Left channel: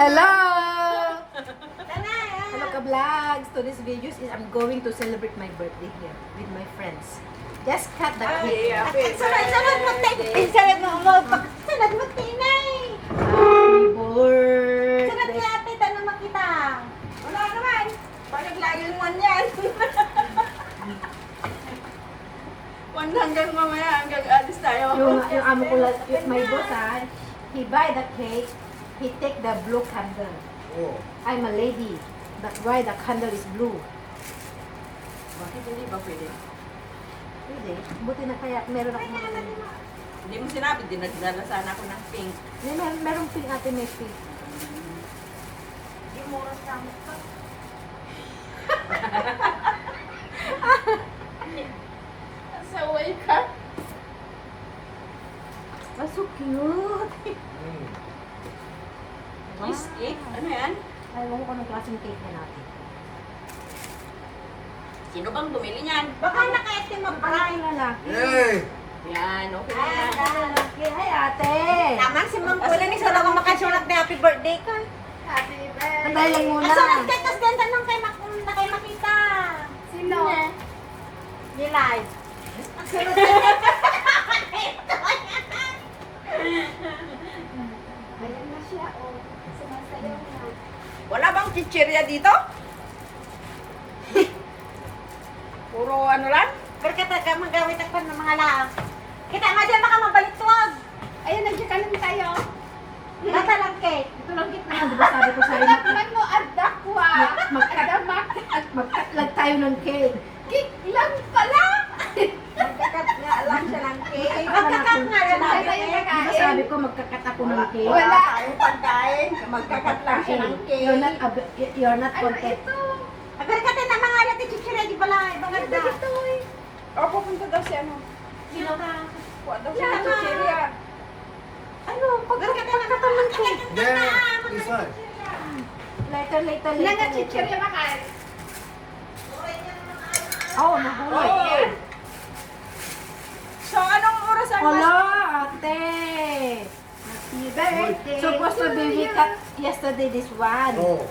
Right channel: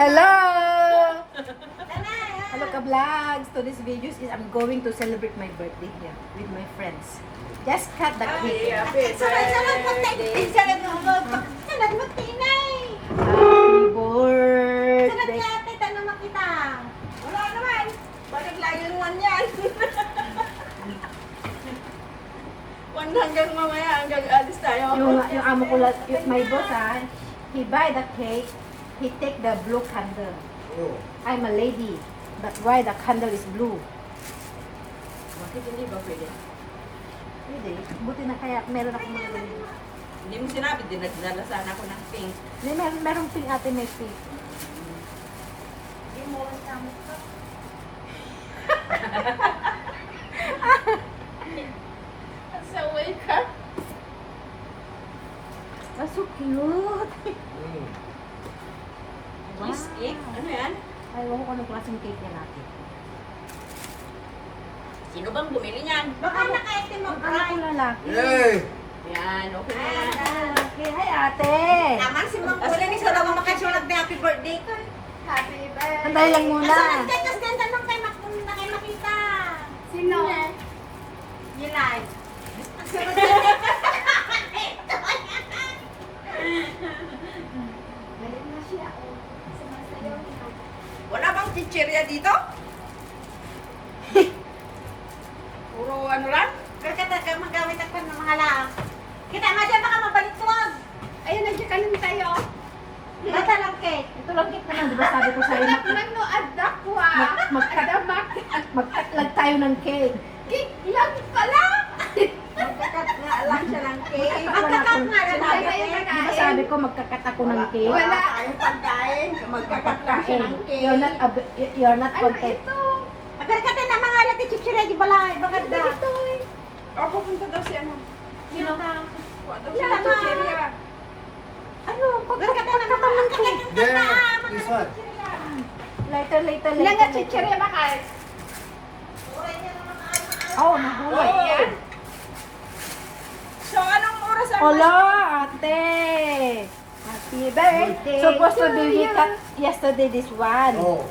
Hello! Hello ka-vlogs! Today's videos is I'm going to celebrate my birthday here with my friends. Just cut the cake. Sunod mo Happy Sunod birthday! ni ate, tanong makita. Wala naman. Bakit laging one yan? One hanggang mamaya, hanggang alis tayo. Yung amo ko, my boss he buy the cake, he take the blue candle. Oh. I'm a lady. That's why the candle is blue. Bakit hindi ba pwede? Hindi. Buti na kaya meron ako mga ganyan. Hindi mo sinabi, dinagdala sana ako ng pink. Merong pink ate, may pink. Hindi mo oras namin ito. Sa wake up. Oh, so cute! Mm. Is it? Ano yan? Ayaw ko anong klaseng cake yan natin. Sino bang bumili niyan? Baka naka-active mo. Anak ko lalaki. Yay! Yan, okay na yan. Lalaki. Hi ate! Naman si Ma'am Kulin, isa lang makasulat na happy birthday ka. Happy birthday. Antay lang muna. Nasulat kayo, tapos din tanong kay na kay Makita. Sino? Nilay. Sunod na. Mayroon na siya, oh. Sumasayaw niya. Wala bang chichirya dito? Puro ano lang? Pero ka magamit ako ng mga laang. Kita nga dyan, baka mabalitwag. Ayun, nandiyan tayo. Bata lang cake. Ito lang cake naman, di ba sabi ko sa'yo? no, adakwa. Mag-cut lang tayo ng cake. Cake lang pala. Magkakat nga lang siya ng cake. Magkakat nga lang ng Di ba sabi ko magkakat ako ng cake? Wala tayong pagkain. Magkakat lang siya ng cake. You're not content. Magkakatin na mga alati chichirya, di ba lang? Maganda. O, pupunta daw si ano. Sino ka? Kuha daw siya ng chichirya. Ano? Pagkakatan ng cake. There, this one. Later. bakal? Oh, nahulog. Oh! So, anong oras ang... Hello, ate! Happy birthday! Supposed to be we cut yesterday this one. Oh.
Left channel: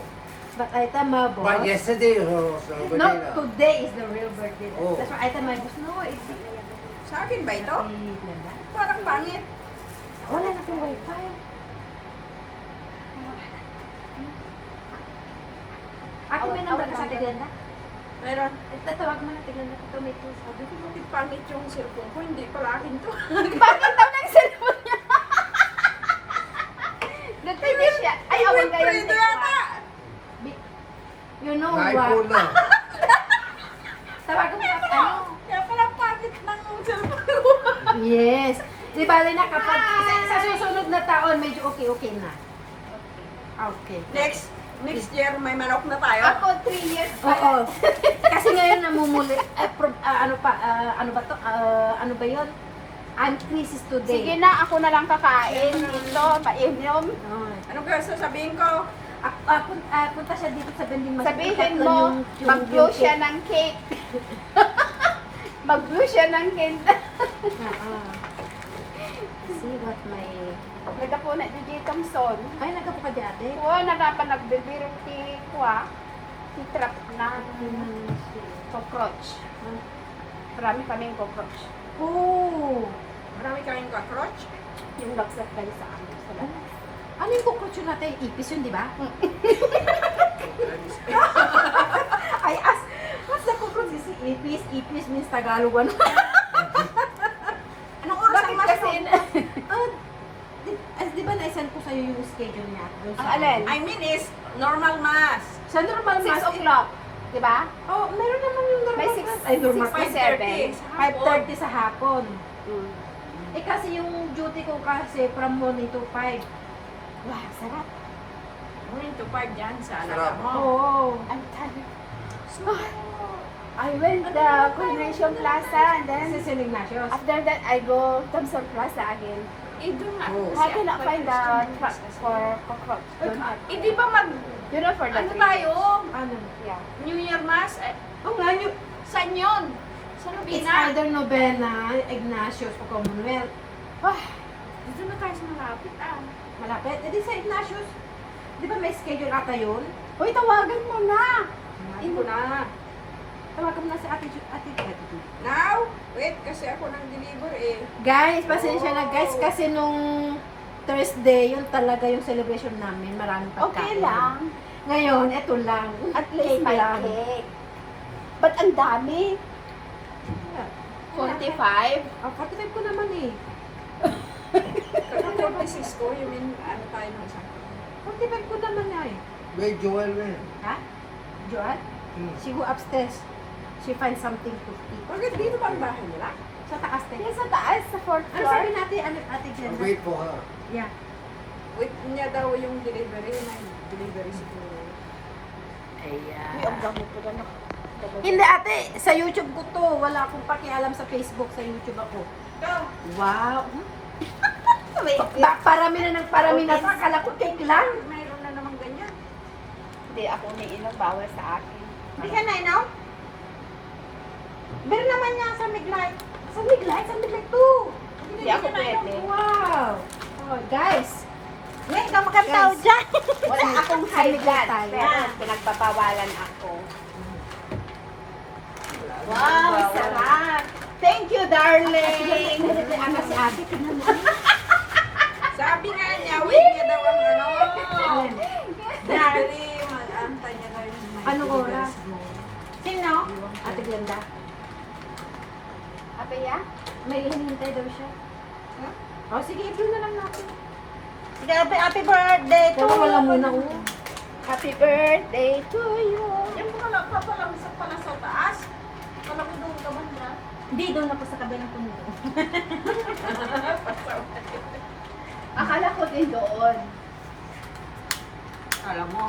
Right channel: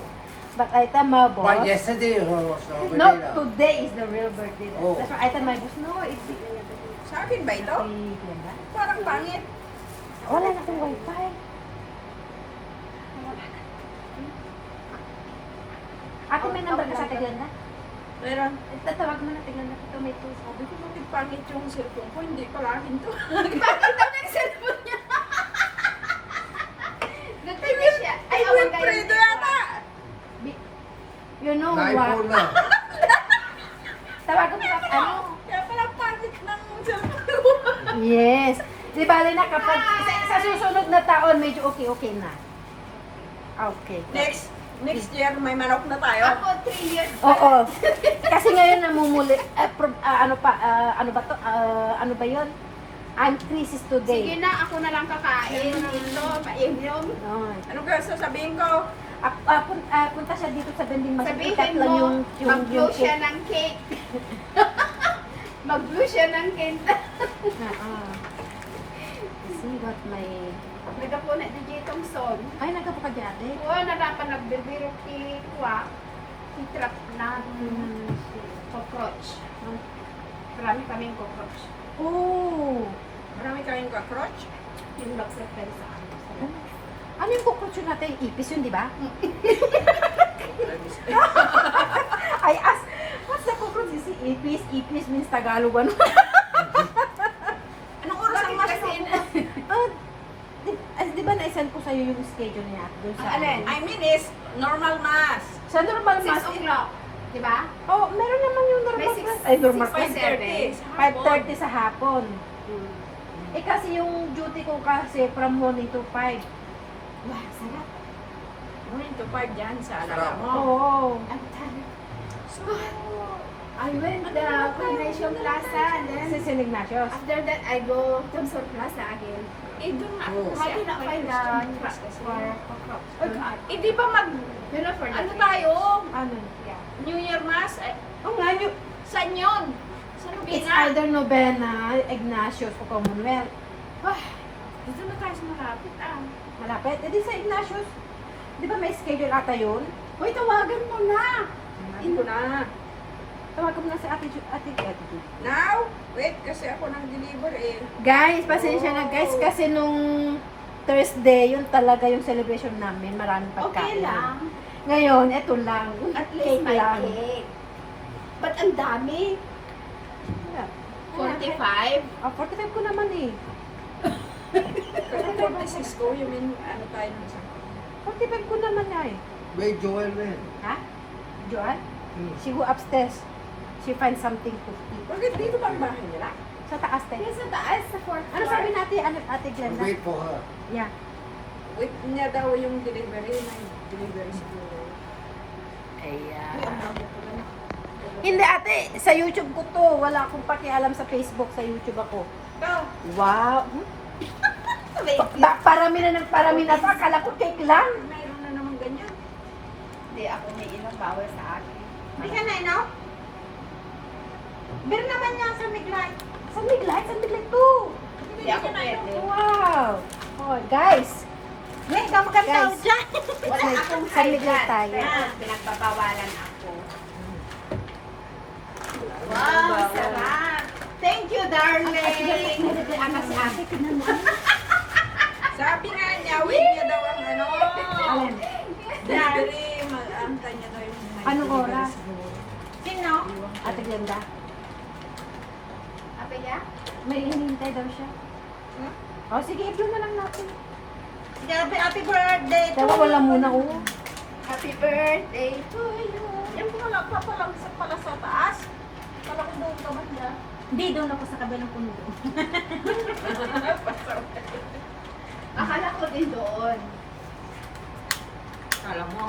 But I tell my boss, But yesterday, oh, so no, today is the real birthday. Oh. That's why I tell my boss, no, it's Sa akin ba ito? si Glenda. Parang pangit. Wala na akong wifi. Ate, may number ka sa ate Glenda? Meron. Tatawag mo na ate Glenda. Ito may post. Sabi ko, bakit pangit yung cellphone ko? Hindi pala akin to. Nagtigil siya. Ay, Ay, predo yata! You know Night what? phone na. Tawagan mo na, ano? Kaya pala pangit ng cellphone ko. Yes. Di bali na kapag sa susunod na taon, medyo okay na. Okay. Next year, may manok na tayo. Ako, 3 years Oo. Kasi ngayon namumuli, ano ba to? Ano ba yun? I'm crisis today. Sige na, ako na lang kakain. Ito, painom. Oh. Ano kaya sasabihin ko? Punta siya dito sa vending machine. Sabihin ikat lang mo, mag-blow siya cake. ng cake. Mag-blow siya ng cake. Oo. See what my... Nagapuna di J. Thompson. Ay, nagkapo ka di ate? Oo, nagapan nagbibiro ki Kwa. Si trap na cockroach. Marami kaming cockroach. Oh! Marami kayong cockroach? Yung nagset kayo sa amin. Ano yung cockroach yun natin? Ipis yun, di ba? Ay, as the cockroach is ipis means Tagalog, ano? Anong oras ang mas kasi, di ba na-send ko sa'yo yung schedule niya doon sa... Ang alin? I mean is, normal mass. Sa normal 6 mass... o'clock. Diba? Oh, meron naman yung normal May six- class. Ay, normal six class. point 5:30. 5:30 sa hapon. Eh kasi yung duty ko kasi from morning to 5. Wah, sarap. 1 to 5 dyan sa Sarap. alaga mo. Oo. I'm tired. So, I went to the Coronation Plaza and then Sa San Ignacio. after that I go Thompson Plaza again. eh, doon nga. Oh. I cannot find the truck for cockroach. Eh, di ba You know, for the ano tree. tayo? Ano? Yeah. New Year mass? Eh, Oh, nga yun. saan yun? Sa It's Lubina? either Novena, Ignatius, o Commonwealth. Ah, Dito na tayo sa malapit ah. malapit. E di sa Ignatius. Di ba may schedule ata yun? Hoy, tawagan mo na. Hindi ko na. Tawagan mo na sa ate. Now, wait, kasi ako nang deliver eh. Guys, pasensya na guys kasi nung Thursday, yun talaga yung celebration namin. Maraming Okay pagkain. lang. Ngayon, eto lang. At least may lang. cake. Ba't ang dami? 45? 45 ko naman eh. Pero 46 ko, yung ano tayo ng isang. 45 ko naman na eh. Wait, Joel, man. Ha? Joan? Hmm. She go upstairs. She finds something to eat. Bakit dito ba ang bahay nila? Sa taas te. Yung sa taas, sa fourth Ano floor. sabi natin, ate I'll Glenda? wait for her. Yeah. Wait niya daw yung delivery, may delivery siguro. Ayan. Ang dami ko na. Hindi ate, sa YouTube ko to. Wala akong pakialam sa Facebook. Sa YouTube ako. Pero, Wow. Parami na ng parami na to. Akala ko cake lang. mayroon na naman ganyan. Hindi ako may inom bawal sa akin. Hindi ka na, no? Meron naman niya sa Miglay. Sa Miglay 2. Hindi ako pwede. Wow. Oh, guys. May, ikaw magkantao Guys. dyan. Wala akong Sa Miglay tayo. Pinagpapawalan ako. Wow, sarap. Thank you, darling. Ano si ate? Tingnan mo. Sabi nga niya, wait niya daw ang ano. Alin? Dali, mag-antay niya daw yung may Anong delivery oras? siguro. Sino? Ate Glenda. Ate ya? May hinihintay daw siya. Oh, sige, i-blue na lang natin. Sige, happy birthday to Kaya wala you. muna, oh. Happy birthday to you. Yan mo lang pa pala sa pala sa taas. Pala kung doon ka banda. Hindi, doon na po sa kabilang puno. Akala ko din doon. Alam mo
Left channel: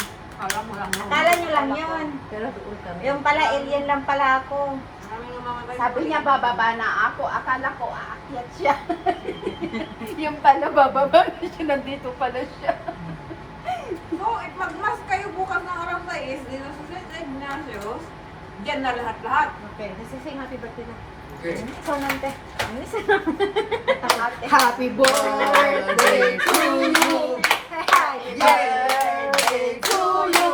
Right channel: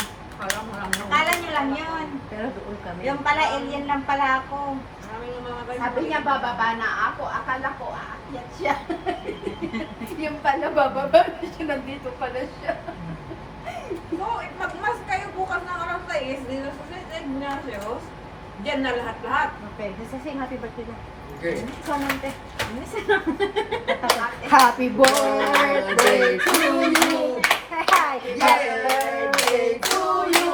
lang yun. Akala niyo lang yun. Pero doon kami. Yung pala, alien lang pala ako. Maraming umamatay. Sabi niya, bababa na ako. Akala ko, aakyat siya. yung pala, bababa na siya. Nandito pala siya. No, magmas kayo bukas ng alas 6. Dito sa St. Ignatius. Diyan na lahat-lahat. Okay, sasasing happy birthday na. Okay. So, nante. Happy birthday to you. Happy birthday to you.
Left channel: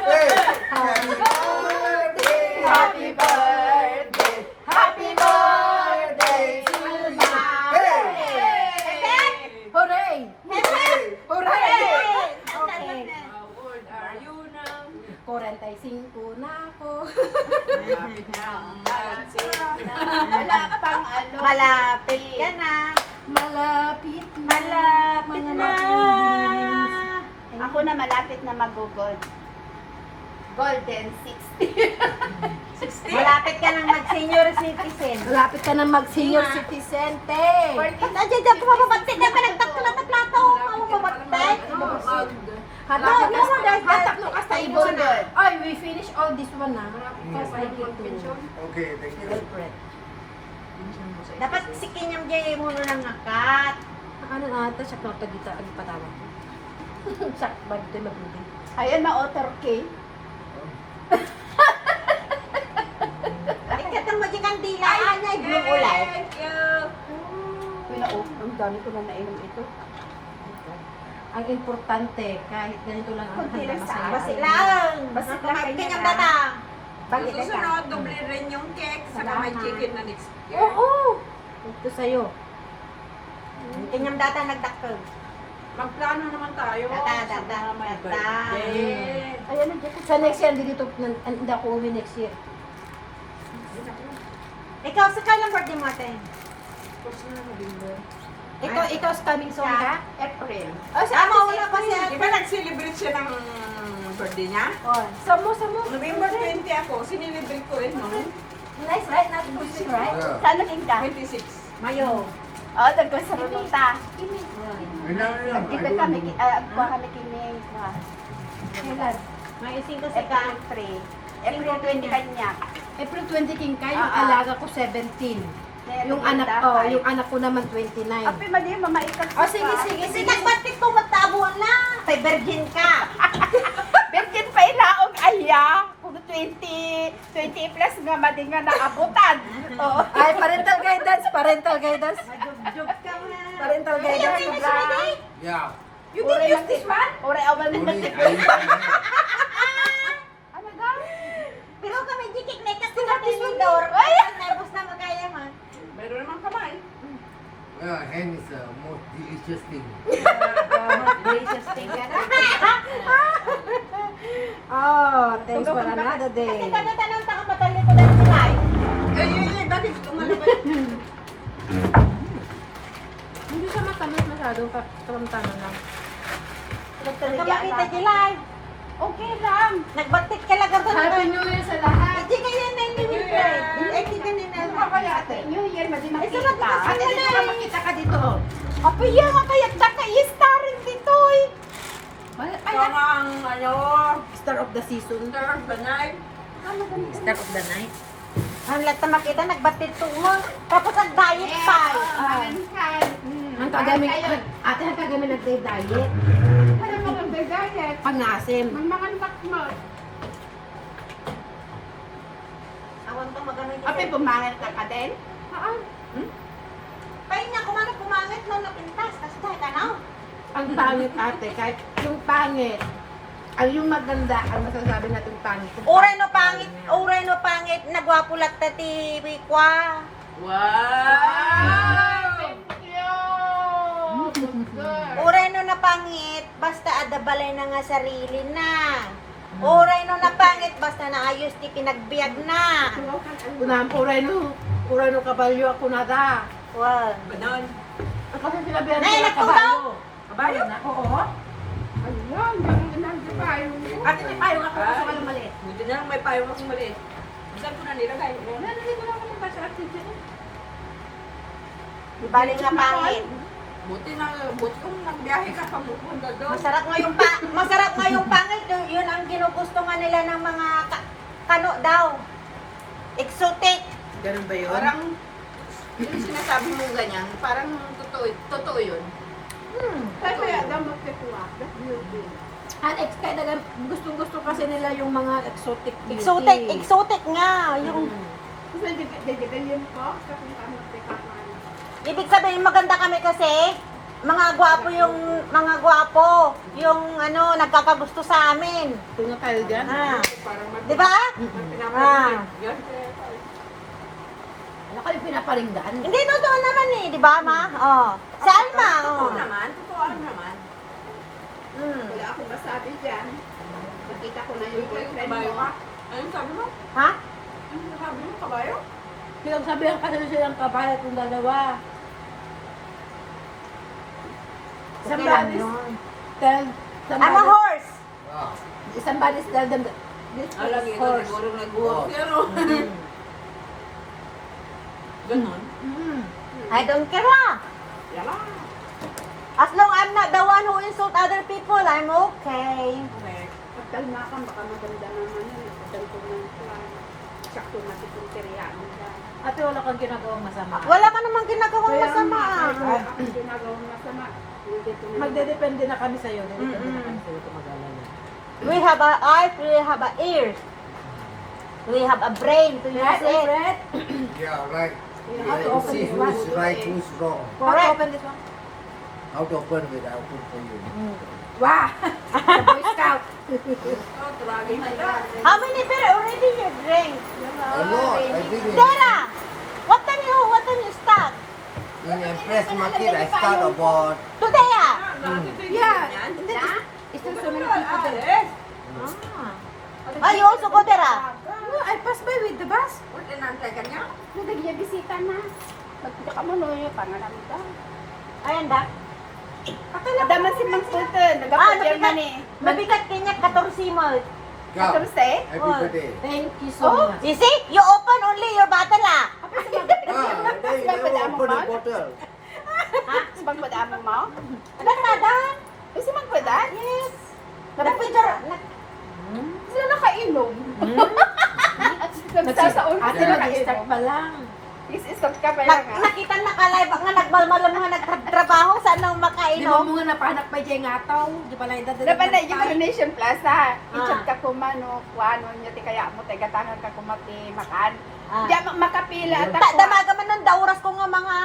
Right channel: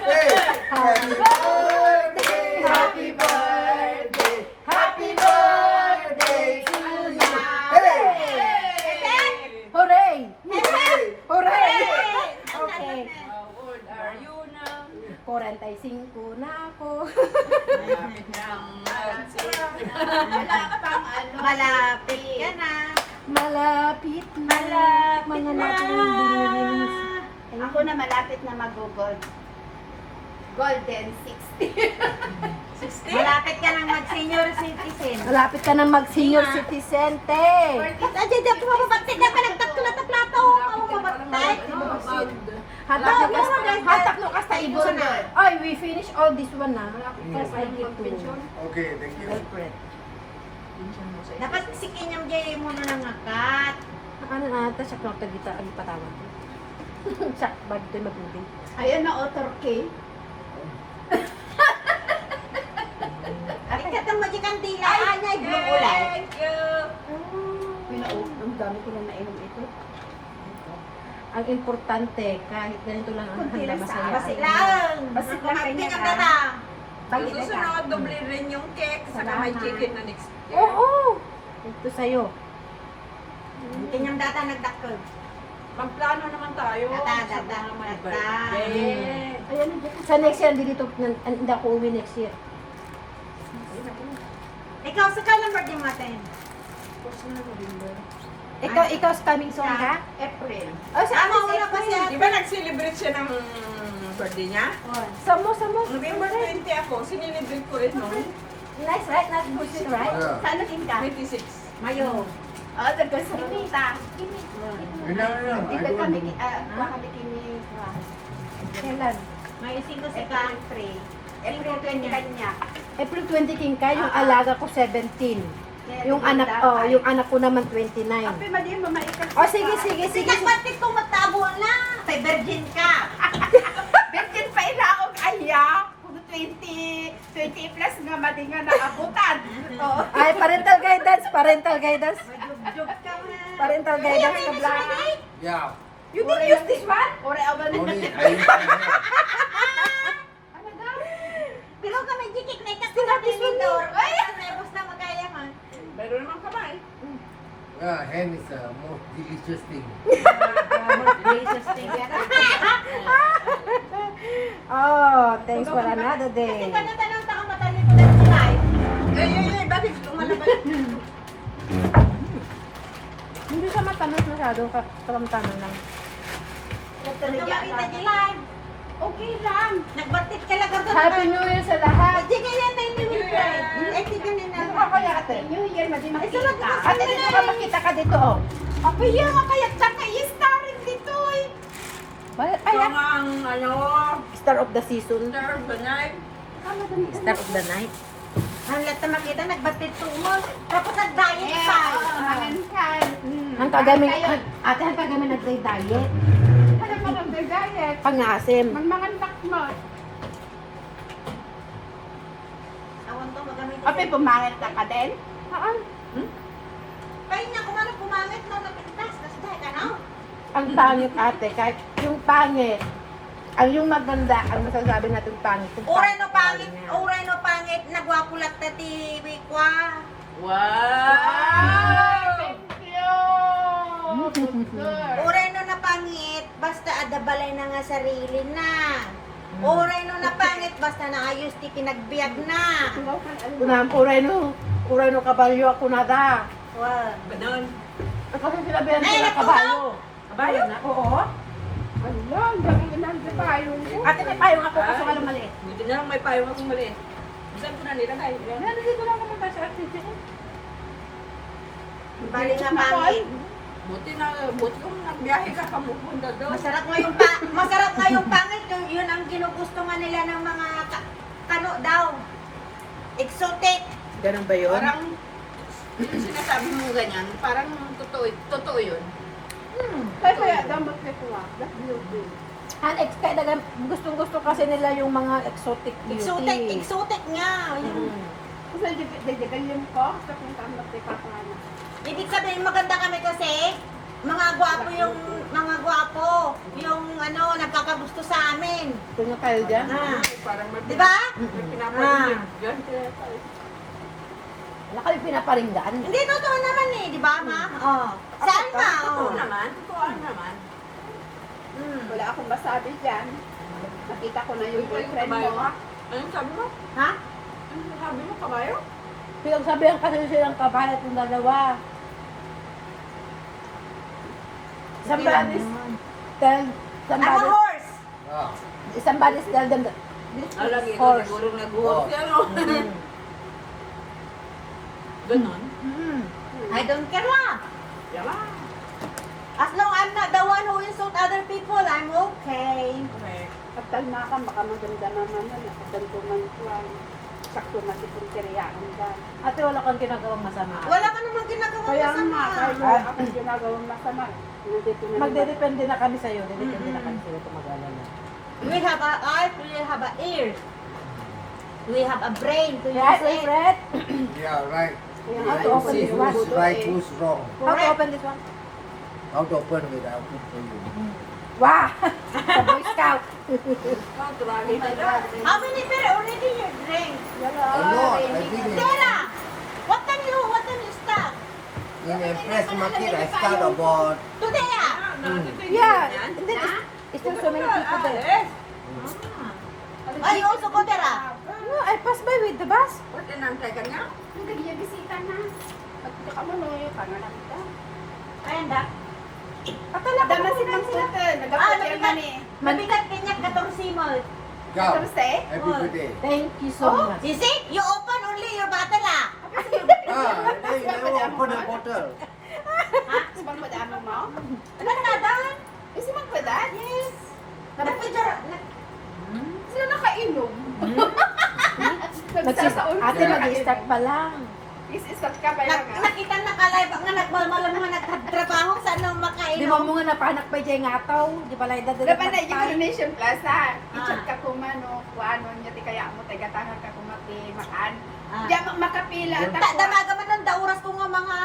Hey! Happy birthday. Happy birthday. Happy birthday to you. Hey! Hooray! Hey! Hooray! Okay. How old are you now? 45 na ako. Malapit na ang Malapit ka na. Malapit na. Malapit mga na. nakikinis. Ako na malapit na mag-gold. Golden 60. 60. Malapit ka nang mag-senior citizen. Malapit ka na mag-senior citizen, te. Diyan ko mababatid na panagtak ko na ta plato. Ako mababatid. Hatak no kas, hatak no kas Ay, ibon. sunod. Ay, we finish all this one na. First I give to Okay, thank you. Alfred. Dapat si Kinyam Jay mo na lang akat. Ano na ata siya kung tagita ang patawa. Siya birthday mabuti. Ayan na author K. Ikatan mo di kandila. Anya, blue ulay. Thank you. Ang dami ko na nainom ito. Ang importante, kahit ganito lang ang Kunti handa, lang sa masaya. basik lang. Basik lang Happy kanya ka ka. na. Bakit Yung susunod, doble rin yung cake. Saka may Salamat. chicken na next year. Oo! Ito sa'yo. Kinyam data nagdakkel. Magplano naman tayo. Data, sa data, mga may data. birthday. Ayan, sa next year, hindi dito, hindi ako uwi next year. Ikaw, sa kailan birthday mo atin? Ikaw coming soon ka? April. Oh, sa Ano, wala pa siya. Di ba nag-celebrate siya ng birthday niya? Oh, samo. November 20 ako, sinilibrate ko rin noon. Nice, right? Not good, right? Yeah. Saan din ka? 26. Mayo. Oh, nagkasalita. Ito kami, kami kini. Kailan? Ngayon 5 sa country. April 20 kanya. April 20 king ka, yung alaga ko 17. Yung anak ko naman 29. Ape ba din mama ikaw? Oh, sige. Sige, bakit ko magtabuan na? Kay virgin ka. Virgin pa ilaog ayak. Kung 20 plus nga madi nga naabutan. Oo. Ay, parental guidance. Madugdug ka na. Parental guidance ka lang. Yeah. You didn't use this one? Ore, ako na. Only I use my hand. Ano daw? Pero kami jikik na kasi tinidor. Ay, nebos na magkaya man. Meron naman kamay. Yeah, hand is the most delicious thing. Delicious thing. Oh, thanks for another Kasi day. tanong-tanong taong madali ko lang sila eh. Ay, bakit umano kayo? Hindi siya matamis masyado, karamtaman lang. Huwag ka makita sila eh. Okay lang. Nagbatit ka lang ako. Happy New Year sa lahat! Hindi kaya na New Year. Eh, di ba Ano ka kaya ate? New Year, madi makita. Sarap ka sa Ate, dito ka makita ka dito, oh. Kapaya nga kaya daka i-starin dito eh. Ay, Mga ang ano, Star of the season. star of the night. Star of the night. Ang lahat na makita, nagbatit tungol. Tapos ang diet pa. Manansan. Ang kagami, ate, ang kagami nag-diet. Para mo ng diet. Pangasim. Magmangantak mo. Awan ko magamit. Ape, pumangit na ka din? Pahin niya, kung ano gumamit mo na pintas. Kasi dahil ano? Ang pangit, ate, kahit yung pangit, ang yung maganda, ang masasabi natin pangit. Kung Uray no pangit, uray no pangit, nagwapo lagta ti Wikwa. Wow! Thank you! Uray no na pangit, basta adabalay na nga sarili na. Uray no na pangit, basta naayos ti pinagbiag na. Kunam, uray no kabalyo ako nada. Wow. Banon. Ang kasi sinabihan Ay, nila naku, kabayo. Kabayo? Oo. Ano, dami na ng kabayo. Ate, may payong ako kasi walang maliit. Buti na lang may payong akong maliit. Saan ko na nilagay? Meron dito lang naman kasi ate. Bali nga pangit. Buti kung nagbiyahe ka pamupunta doon. Masarap nga yung pangit. Yun ang ginugusto nga nila ng mga kano daw. Exotic. Ganun ba yun? Parang, yung sinasabi mo ganyan, parang totoo yun. Ay, kaya daw magkatuwa. Ang kaya dagang gustong-gusto kasi nila yung mga exotic beauty. Exotic nga. Yung, Kasi didigan yun ko. Gusto kong pamati ka pa. ibig sabihin maganda kami kasi mga gwapo yung ano nagkakagusto sa amin. Tingnan tayo dyan. Ah. Parang may Di ba? pinaparinig. Yan. Wala kayo pinaparinggan. Hindi totoo naman eh, di ba ma? Oh. Saan pa? Totoo naman. Totoo naman. Wala akong masabi dyan. Nakita ko na yung boyfriend Kabayo mo. ka? Anong sabi mo? Ha? Anong sabi mo, kabayo? Pinagsabihan kasi silang kabalat ng dalawa. Somebody's tell I'm a somebody, horse. Ah, somebody's tell them that this Alam is ito, horse. siguro nag-walk yan, no? Ganon. I don't care lah. Yala. As long I'm not the one who insult other people, I'm okay. Pagtal na ka, baka maganda naman yun. Pagtanto man ito. Sakto na si Punteriaan dyan. Ate, wala kang ginagawang masama. Wala ka namang ginagawang Kaya masama. nga, akong ginagawang masama. Nandito na Magdedepende na kami sa'yo. Depende na kami sa'yo kung mag-alala. We have a eyes, we have a ears. We have a brain to use Right, it. Fred? yeah, right. How to open See this one? who's right, who's wrong. How to open this one? How to open with, I'll open for you. Wow! The Boy Scout. Oh, turagi na yan. How many beer already you drink? A lot, I think Sarah, what time you start? in Empress Market, I start about, Today ah. Yeah. And then is there so many people there? Ay, you also go there ah. No, I passed by with the bus. What, inantay ka niya? Bigyan bisita na. Nagtaka mo na yung pangalan ka. Ayan da. Akala ko Dama silang suta. Ah, Nagkakadyan man eh. mabigat din yan 14 mo. come, Thursday? every day. Thank you so much. You see, you open only your bottle ah. Ah, they never open a bottle. Sa pagpadaan mo? Ano na da? Gusto magpadaan? Yes. Nagpicture. Sila nakainom. Ate, mag-start pa lang. This is not ka Nakita na kalay ba nga nagmalmalam nga nagtrabaho sa nang Di mo makainom. mo nga napanak pa dyan nga to. Di pala yung Dapat na dadagdag yung Coronation Plaza. Ah. I-chat ka kumano. Kuano niya. Di kaya mo tagatangan ka kumakimakan. Ah. Diya makapila. Damaga man ng dauras ko nga mga.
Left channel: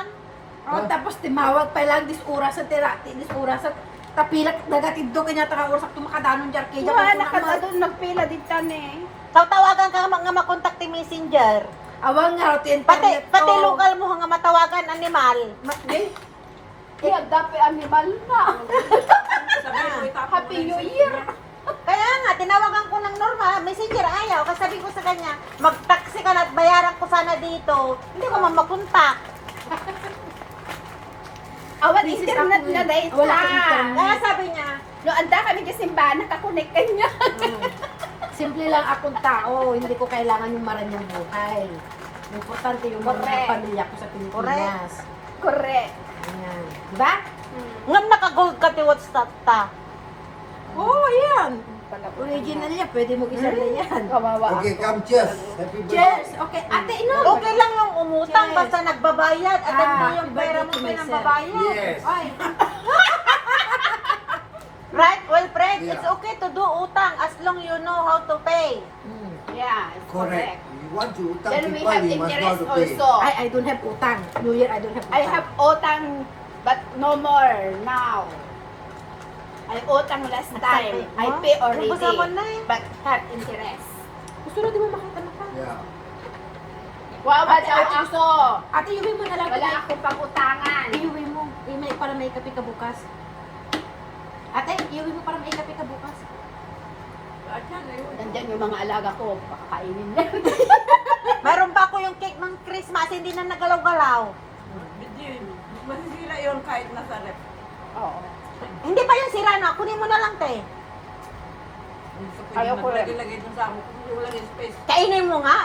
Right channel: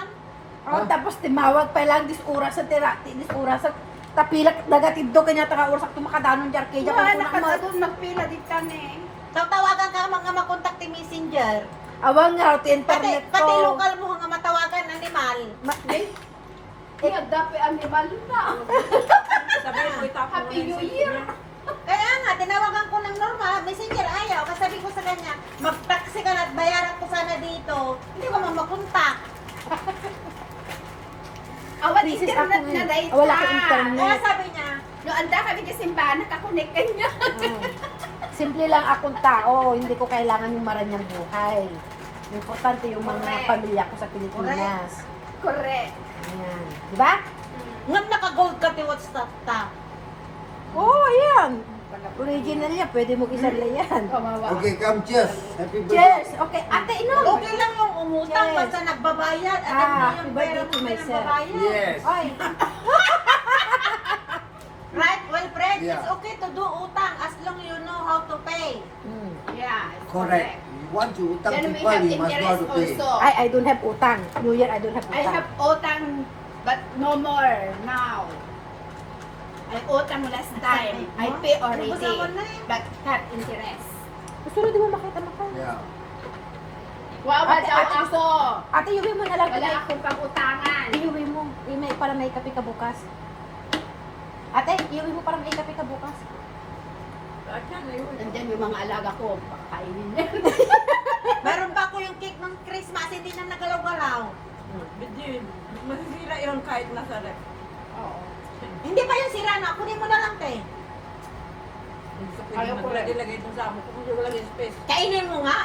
Oh, tapos timawag pa lang dis oras sa tira, dis oras sa Tapilak nagatid do kanya taka oras ak tumakadanon jar kaya kung Wala kuna ka mo. na doon nagpila dito eh. Tawagan ka mga makontak ti messenger. Awang nga ti Pati, internet pati ko. lokal mo nga matawagan animal. Kaya dapat animal na. Sabi ko, itapon mo Happy na yung New cellphone Year. niya. Kaya nga, tinawagan ko ng normal, messenger ayaw. Kasi sabi ko sa kanya, mag-taxi ka na at bayaran ko sana dito. Hindi ko man mapunta. Awan Crisis internet ako na eh. dahil Wala sa- ko internet. Kaya sabi niya, No, anda kami sa simbahan, nakakunik ka niya. Simple lang akong tao, hindi ko kailangan yung maranyang buhay. Importante yung mga Correct. pamilya ko sa Pilipinas. Correct. Ayan. Diba? ngam naka-gold ka ti WhatsApp ta. Oo, oh, ayan. Original yan, pwede mo isala yan. Okay, come cheers. Happy birthday. Cheers! Okay, ate, inom! Okay lang yung umutang, Yes. basta nagbabayad. At Ah, ano yung happy pera birthday mo to myself. pinambabayad. Yes. Ay, Right? Well, friend, Yeah. it's okay to do utang as long you know how to pay. Yeah, Correct. You want to utang Then we people, have you must know how interest to pay. also. I don't have utang. New Year, I don't have utang. I have utang, but no more now. I utang last time. I pay already, Ubus naman na eh. but have interest. Gusto na di mo makita maka. Yeah. Wow, ba Ate, daw ate, ako? Ate, iuwi mo na lang. Wala akong pang-utangan. Iuwi mo. Para may kape ka bukas. Ate, iuwi mo para may kape ka bukas. At yan, ayun. Nandiyan yung mga alaga ko, pakakainin niya. Meron pa ako yung cake ng Christmas, hindi na nagalaw-galaw. Hindi, masisira yun kahit nasa rep. Hindi pa yung sira na, kunin mo na lang, te. Hindi ka pwede Ayaw ko maglagay-lagay dun sa amo kung hindi wala yung space. Kainin mo nga.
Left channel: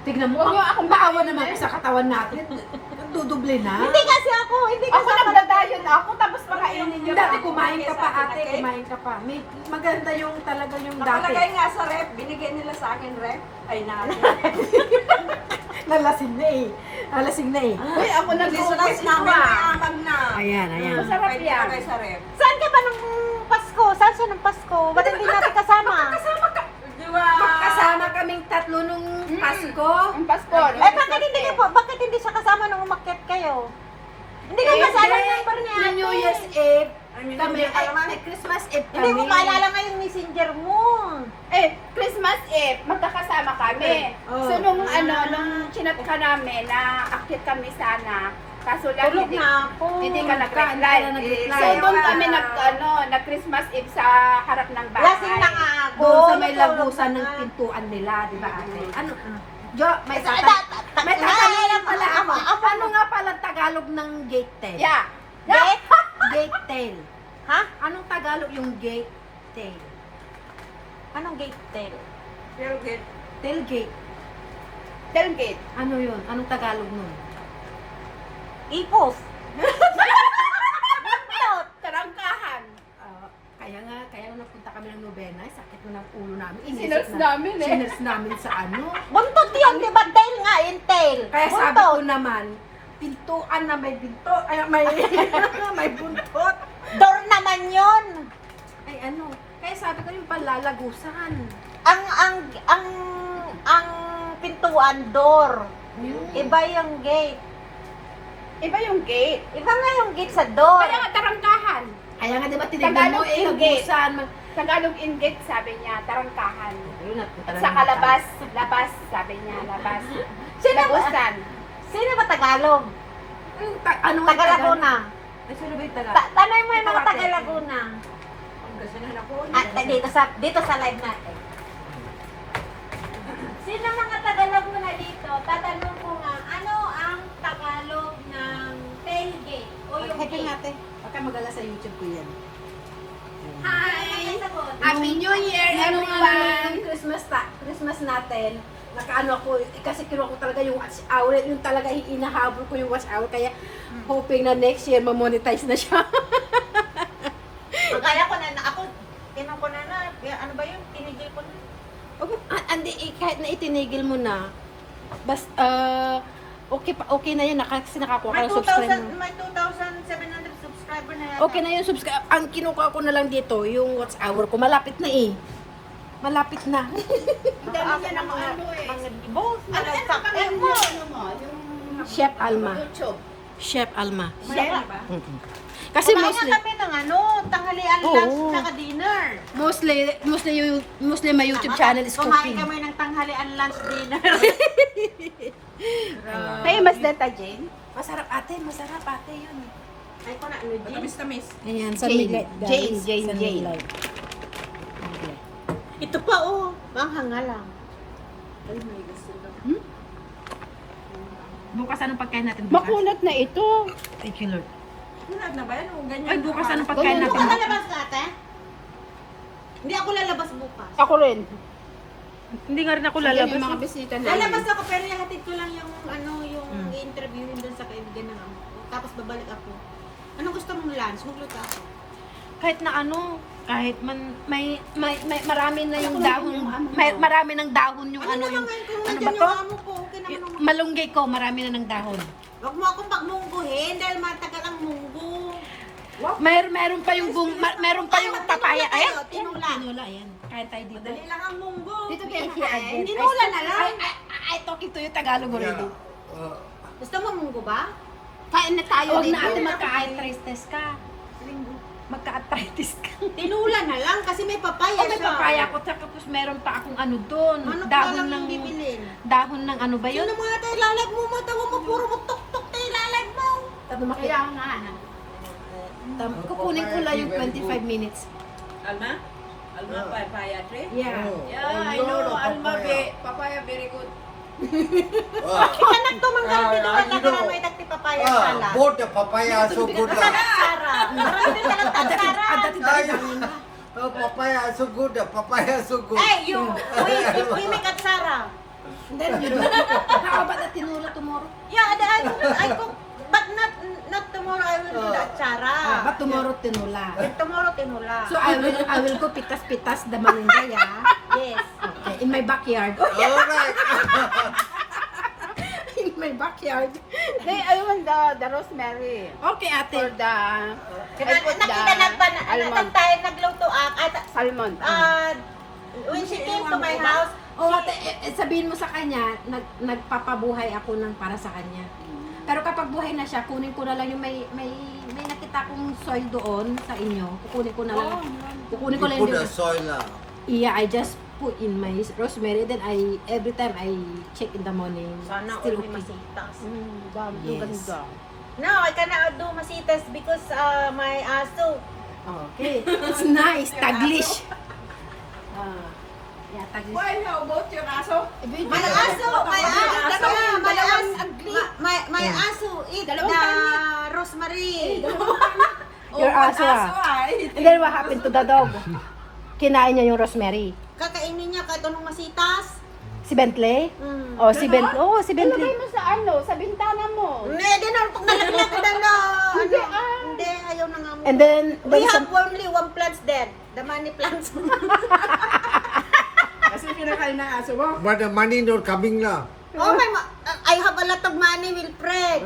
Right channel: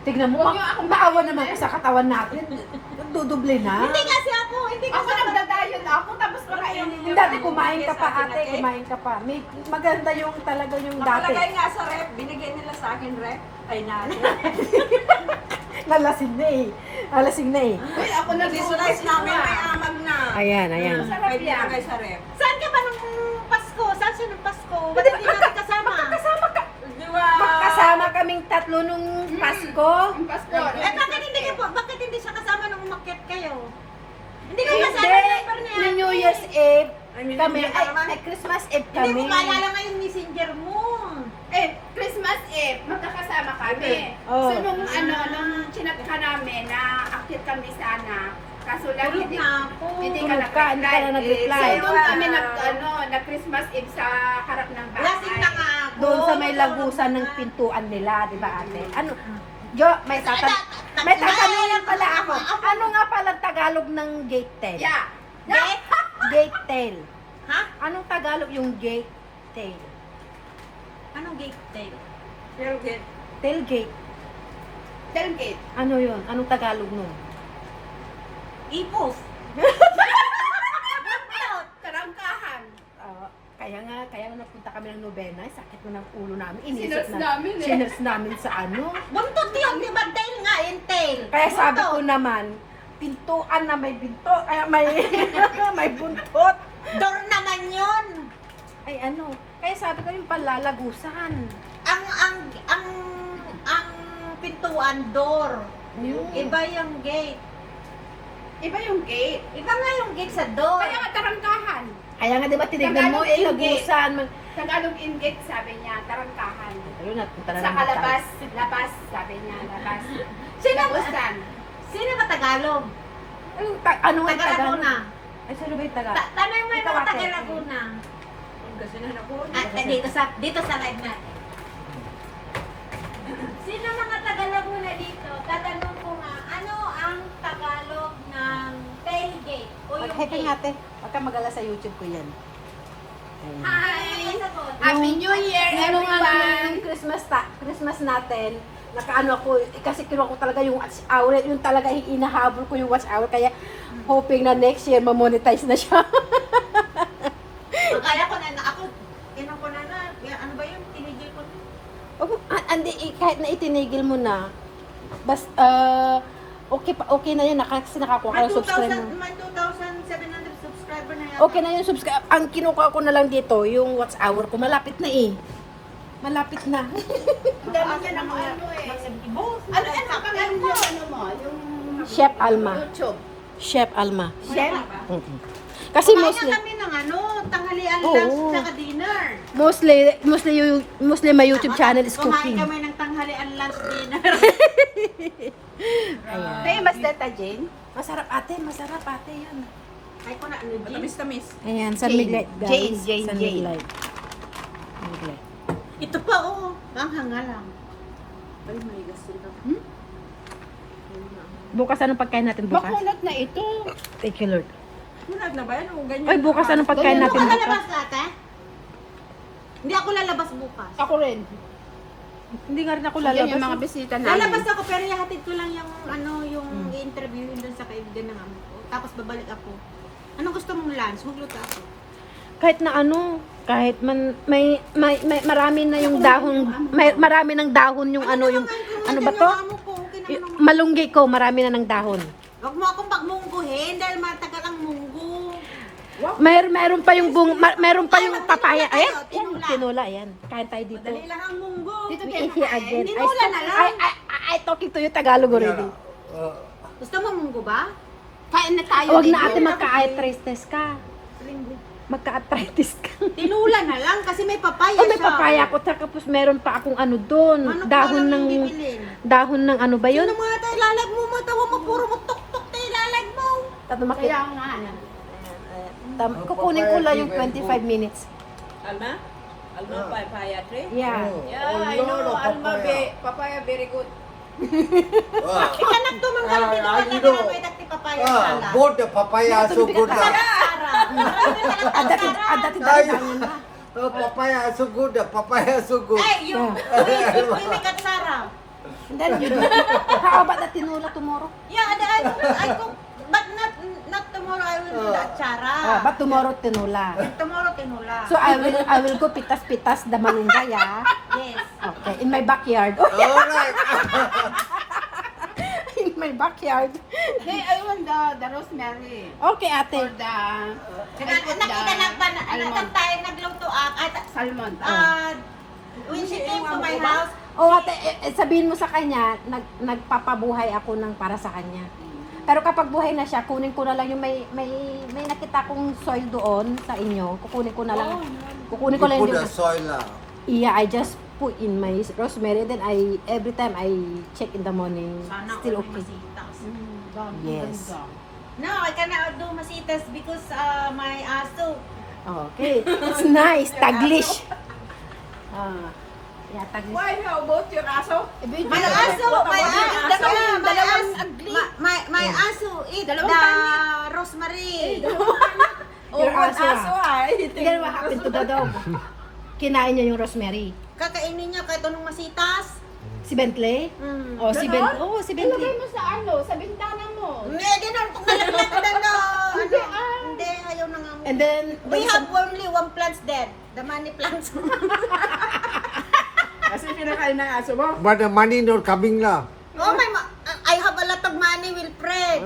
Tignan mo, maawa naman ka sa katawan natin. Duduble na. Hindi kasi ako, hindi Ako kasi nagdadayon ako, tapos kakainin niyo. Dati kumain ka pa, ate. Kumain ka pa. May, maganda yung talaga yung dati. Nakalagay nga sa rep, binigyan nila sa akin rep. Ay natin. Nalasing na eh. Nalasing na eh. Uy, ako Christmas namin may amag na. Ayan, ayan. Sarap Pwede yan. lagay sa rep. Saan ka ba nung Pasko? Saan siya nung Pasko? Ba't hindi natin kasama? Di ba? Kasama kaming tatlo nung Pasko. Ang Pasko. Bakit hindi siya kasama nung umakyat kayo? Hindi ko kasama Hindi, yung number niya. yung New Year's Eve, Ay, kami, New Year pa naman. ay Christmas Eve Hindi kami. ko maalala nga yung messenger mo. Christmas Eve, magkakasama kami. Oh. So, nung chinat ka namin, na akit kami sana, kaso lang Tulog hindi, na ako. hindi ka Tulog ka, hindi ka na nag-reply. So, doon kami nag-Christmas Eve sa harap ng bahay. Lasing na nga ako. Doon sa may lagusan ng pintuan nila, di ba ate? Ano? Jo, may tatanungin pala ako. Ano nga pala Tagalog ng gate tail? Yeah. Gate? Gate tail. Ha? Anong Tagalog yung gate tail? Anong gate tail? Tailgate. Tailgate. Tailgate. Ano yun? Anong Tagalog nun? Ipos. Tarangkahan. Kaya nga napunta kami ng Novena, sakit na ng ulo namin. Siners namin eh. Siners namin sa ano. Buntot yun, di ba? Tail nga, in tail. Kaya sabi ko Buntot. naman, pintuan na may binto, ay, may, may buntot. Door naman yun. Ay ano, kaya sabi ko yung palalagusan. Ang pintuan, door. Yun. Iba yung gate. Iba yung gate. Iba nga yung gate sa door. Kaya nga tarangkahan. Kaya nga diba tinignan mo, Tagalog eh, yung lagusan. Tagalog in gate, sabi niya, tarangkahan. Ayun, napunta na Sa naman kalabas, labas, sabi niya, labas. Sino ba? Lagusan. Sino ba Tagalog? tayo. Ano nga Taga Laguna. Ay, sino ba yung Tagalog? Tanay mo yung Ikaw, mga ate. taga Laguna. Kasi na po. Dito sa live natin. Sino mga taga Laguna dito? Tatanong ko nga, ano ang Tagalog ng tailgate? O yung Pag-happy gate? natin. Huwag ka magala sa YouTube ko yan. Hi! Sagot. Happy New Year, Yung everyone! Christmas natin, nakaano ako, kasi kinuha ko talaga yung watch hour, yung talaga inahabol ko yung watch hour, kaya hoping na next year mamonetize na siya. Kaya ko na ako, ko na, ano ba yun? Tinigil ko na. Andi, kahit na itinigil mo na, okay na yun, kasi nakakuha ka ng subscribe mo. May 2,700 subscriber na nga. Okay na yun, subscribe. Ang kinukuha ko na lang dito, yung watch hour ko, malapit na eh. Malapit na. Dali niya ng ano eh. Ano yan ang pangalan mo? Ano mo? Yung Chef Alma. YouTube. Chef Alma. Chef? Mhm. Kasi Kumain mostly, na kami ng tanghalian Oo. lunch saka dinner. mostly my YouTube channel is Kumain cooking. kami ng tanghalian lunch dinner. Famous Teta Jane. Masarap ate yun. Ay ko na, Matamis-tamis. Ayan, San Jane, Miguel. Jane, guys. Jane, San Jane. Miguel. Miguel. ito pa manghanga lang. Bukas anong pagkain natin bukas? Makunat na ito. Thank you Lord. Kunad na ba yan? O ganyan? Ay, bukas anong pagkain Ano natin ka bukas? lalabas ka, ate? Hindi ako lalabas bukas. Ako rin. Hindi nga rin ako Yan lalabas. yung mga bisita namin. Lalabas ako pero ihatid ko lang yung i-interviewin dun sa kaibigan ng amo ko. Tapos babalik ako. Anong gusto mong lunch? Magluto ako. Kahit na kahit man may marami na yung dahon, marami ng dahon yung ano yung ano ba to? Yung amo ko, okay naman naman. Malunggay ko, marami na ng dahon. Huwag mo akong pagmungguhin dahil matagal ang munggo. Meron pa yung meron pa yung Ay, papaya. tinula tayo, tinula. Tinula yan. Kain tayo dito. Dali lang ang munggo. Dito tayo Thank you makain. again. Tinula na lang. I talking to you Tagalog already. Gusto mo munggo ba? Kain na tayo Huwag dito. na ate magka-arthritis ka. Magka-arthritis ka. Tinula na lang kasi may papaya May siya. papaya ko tapos meron pa akong ano doon. Ano pa Dahon lang ng yung bibilin? dahon ng ano ba yun? Sino mga tayo lalag mo? Matawa mo puro mo tok-tok tayo lalag mo. Tapos Kaya nga. kukunin ko lang yung 25 minutes. Alma? Alma papaya tree? Yeah. Yeah, I know. Alma, papaya very good. Anak to mga you tinula know. na may dagti papaya pala. Both the papaya are so good. Dati na. Papaya are so good. Papaya are so good. Hey, you make up Sarah. How about the tinula tomorrow? Yeah, I cook, but not tomorrow I will do that, Sarah. But tomorrow tinula. Tomorrow tinula. So I will go pitas-pitas the malunggay Yes. Okay, in my backyard. Alright. In my backyard. Hey, I want the rosemary. Okay, ate. For the... Nakita na ba na tayo nagluto at Salmon. when she came to my house, Oh, ate, sabihin mo sa kanya, nagpapabuhay ako ng para sa kanya. Pero kapag buhay na siya, kunin ko na lang yung may nakita kong soil doon sa inyo. Kukunin ko na lang. Kukunin ko lang You put yung the soil lah. Yeah, I just put in my rosemary, then every time I check in the morning, sana still all okay. masitas. Yes. No, I cannot do masitas because my aso. Okay. It's nice, taglish. Why, how about your aso? My aso, my aso eat the rosemary. Your aso. And then what happened to the dog? Kinain niya yung rosemary. Kakainin niya kahit anong masitas. Si Bentley? Mm. Oh, si Bentley. Oh, si Bentley. Ilagay mo sa sa bintana mo. Hindi, di na. Pag nalaglag ko na hindi, ayaw na nga mo. And then, We have only one plants there. The money plants. Kasi pinakain ng aso mo. But the money not coming lah. Oh my, I have a lot of money, Wilfred.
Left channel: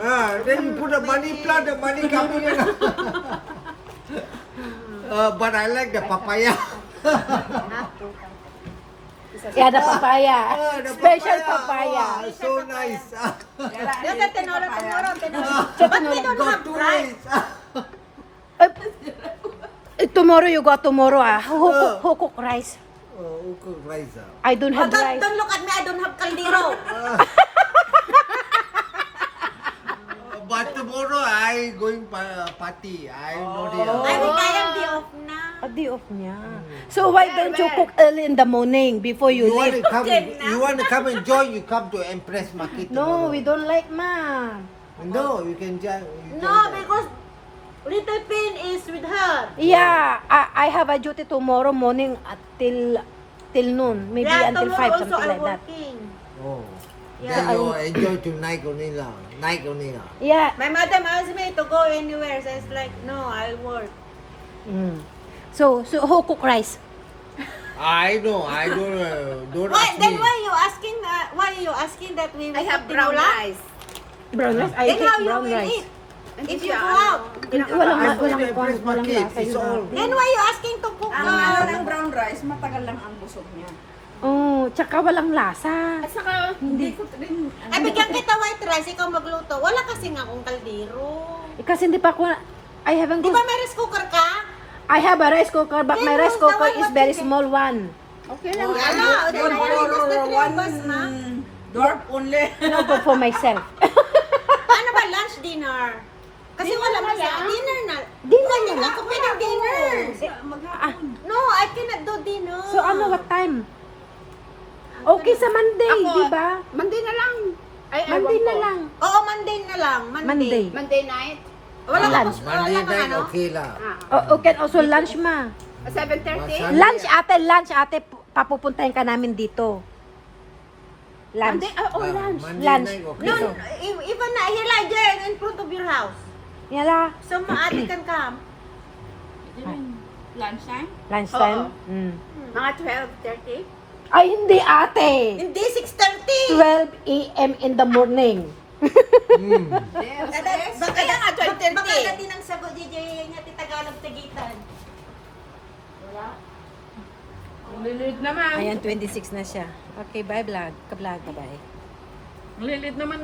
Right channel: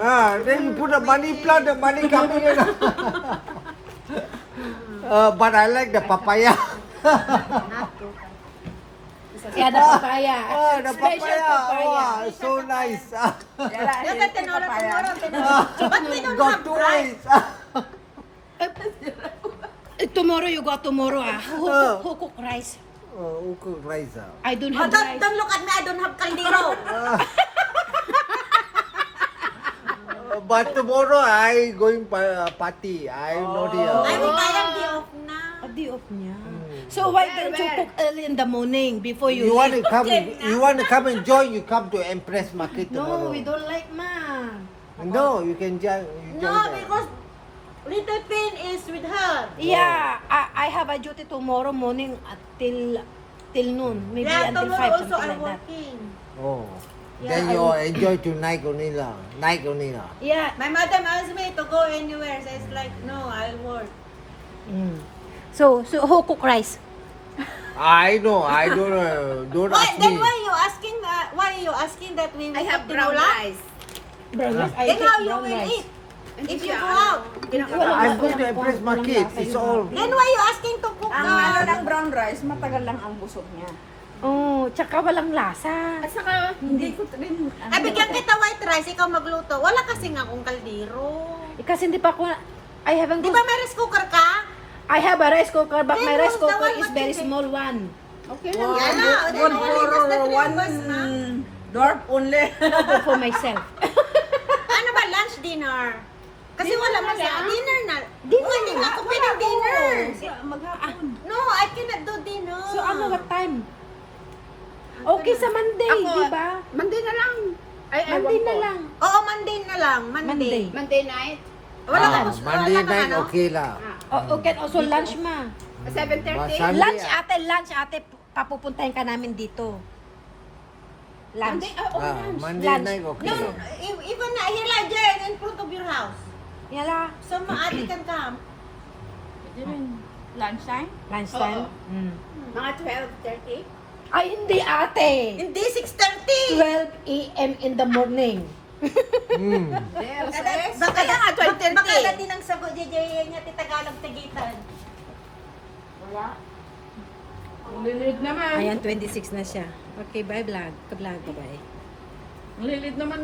Then you put the money plant, the money coming in. But I like the papaya. yeah, the papaya. The Special papaya. So nice. Look at Tinola tomorrow. But we don't have rice. Tomorrow you go tomorrow who cook rice? Who cook rice? I don't Oh, have rice. don't look at me, I don't have caldero. But tomorrow I going party. I know the. I will kaya di off na. A day off niya. So why don't you cook early in the morning before you You want leave? to come? You want to come and join? You come to Empress Market tomorrow. No, we don't like ma. No, you can join. No, because Little Pin is with her. Yeah, I have a duty tomorrow morning till noon, maybe Yeah, until 5, tomorrow also something I'm like that. working. Oh. Yeah, Then you enjoy tonight only lah. Night only lah. Yeah. My madam asked me to go anywhere, so I was like, no, I'll work. So who cook rice? I know. I don't Why? ask Then me. why are you asking that we will I have eat brown tinola? rice. Brown rice. I Then take how you brown will rice. eat? If you go out. I go to Empress Market. It's all. Then why you asking to cook? Ang ano ng brown rice, matagal lang ang busog niya. Oh, tsaka walang lasa. At saka, hindi ko rin... Ay, bigyan kita white rice, ikaw magluto. Wala kasi nga akong kaldero. Kasi hindi pa ako I haven't Di ba may rice cooker ka? I have a rice cooker, but my Then rice use the cooker one is what very you small one. Okay lang One, yan. Ano? good Then for just the three one of us, ma. dwarf only. Not for myself. Ano ba, lunch, dinner? Kasi wala na man sa lang. dinner na. Dinner Hindi na. ako pwedeng dinner. Maghapon. No, I cannot do dinner. So ano, what time? Okay sa Monday, Ako, di ba? Monday na lang. Ay, Monday ewan na ko. lang. Oo, Monday na lang. Monday. Monday night? Wala ka Lunch. Monday wala kang night, ano? okay lah. Okay, also lunch ma. 7:30? Masan- Lunch ate, papupuntahin ka namin dito. Lunch. Monday Lunch. night, okay No, lah. even na here there in front of your house. Yala, So, maati kan ka. Lunch time? lunch time. Mm. Mga 12:30? Ay, hindi ate. Hindi, 6:30. 12 a.m. in the morning. Baka Kaya nga, 12:30. Baka natin ang sagot di niya ti Tagalog tigitan. Lilid naman. Ayan, 26 na siya. Okay, bye vlog. Ka-vlog, bye. Lilid naman